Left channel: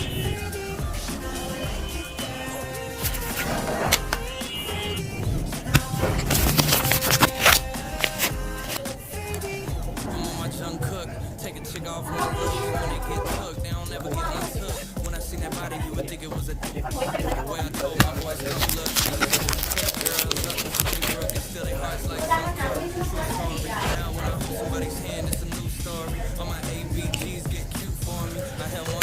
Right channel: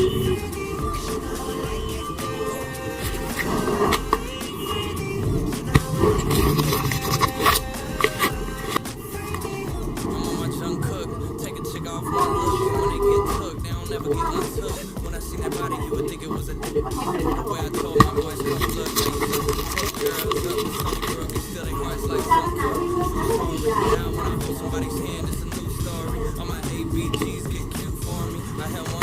I'm on my junk cook. Take a chick off one look. When they get took, they don't ever get untook. When I seen that body, you would think it was a dick. The way I told my boys, come look. They used to take girls up to Sunnybrook and still they hearts like some cook. True story. Now when I hold somebody's hand, it's a new story. All my ABGs get cute for me. I had one